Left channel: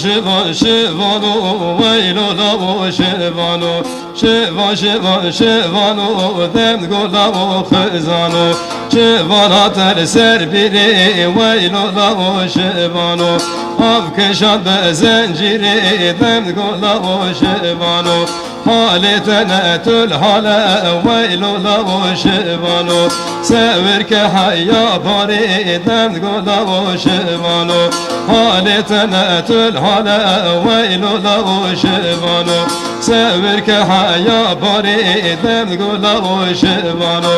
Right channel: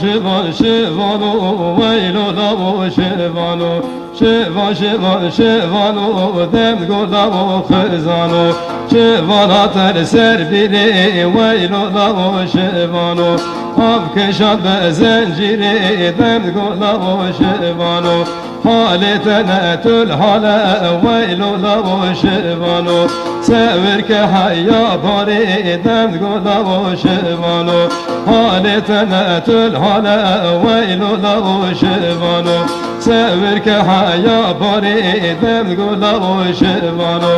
شبان شبانو ویلو داو شبانو شبان شبان شبانو دم گلداو خزانو شبانات سر بیری ویلو داو شبانو آب کشان به زنجیری دم گلداو شبانو حالتنا تل حالا ویلو داو شبانو سور که حیا باری دم گلداو شبانو حالتنا تل حالا ویلو داو شبانو سور که حیا باری دم گلداو شبانو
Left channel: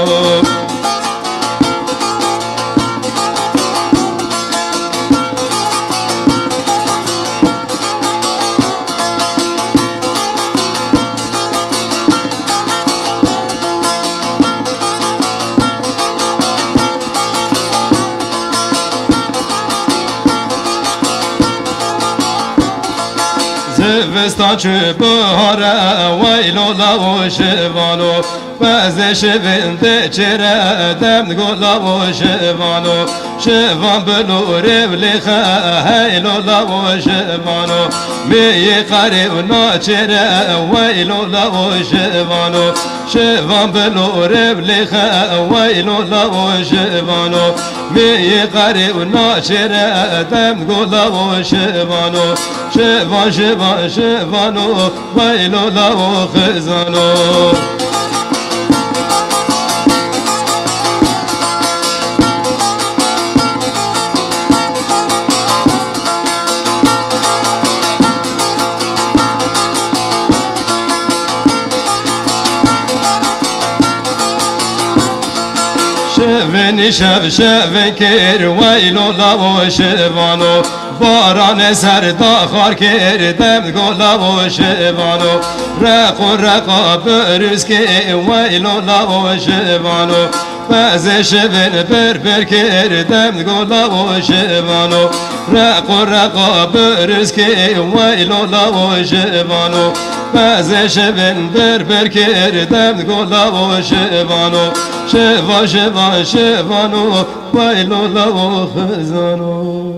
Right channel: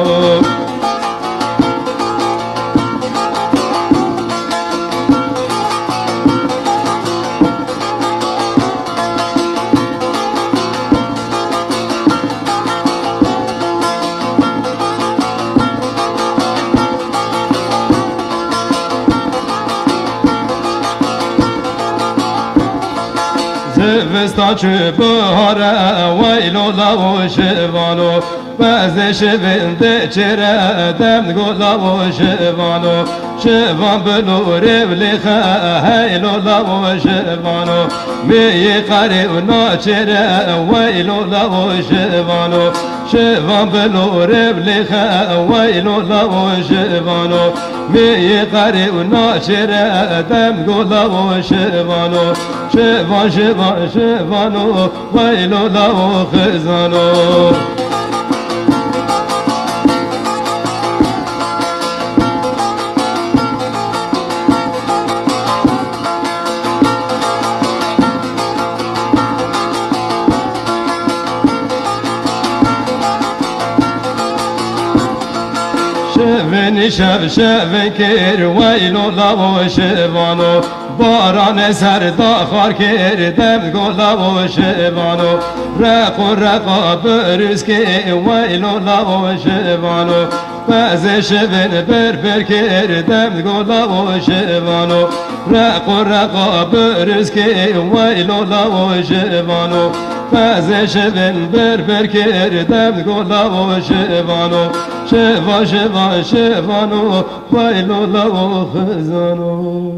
زمستان چه بهاره ویلو داو شبانو بعض شبنده چره دم گلداو شبانو شبان بنور بلیخه هیلو داو شبانو بی قری و ناچره ویلو داو شبانو شبان بنور بلیخه ویلو داو شبانو بی قری و ناچره دم گلداو شبانو شبان شبان شبانو ویلو داو خزانو شبنی شب شب کر ویلو داو شبانو باران سر داخار کردم گلداو شبانو رق و رقا بروز که ویلو داو شبانو بعض شبن بر کردم گلداو شبانو رق و رقا بروز که ویلو داو شبانو بعض شبن بر کردم گلداو شبانو شبان شبان شبانو ویلو داو خزانو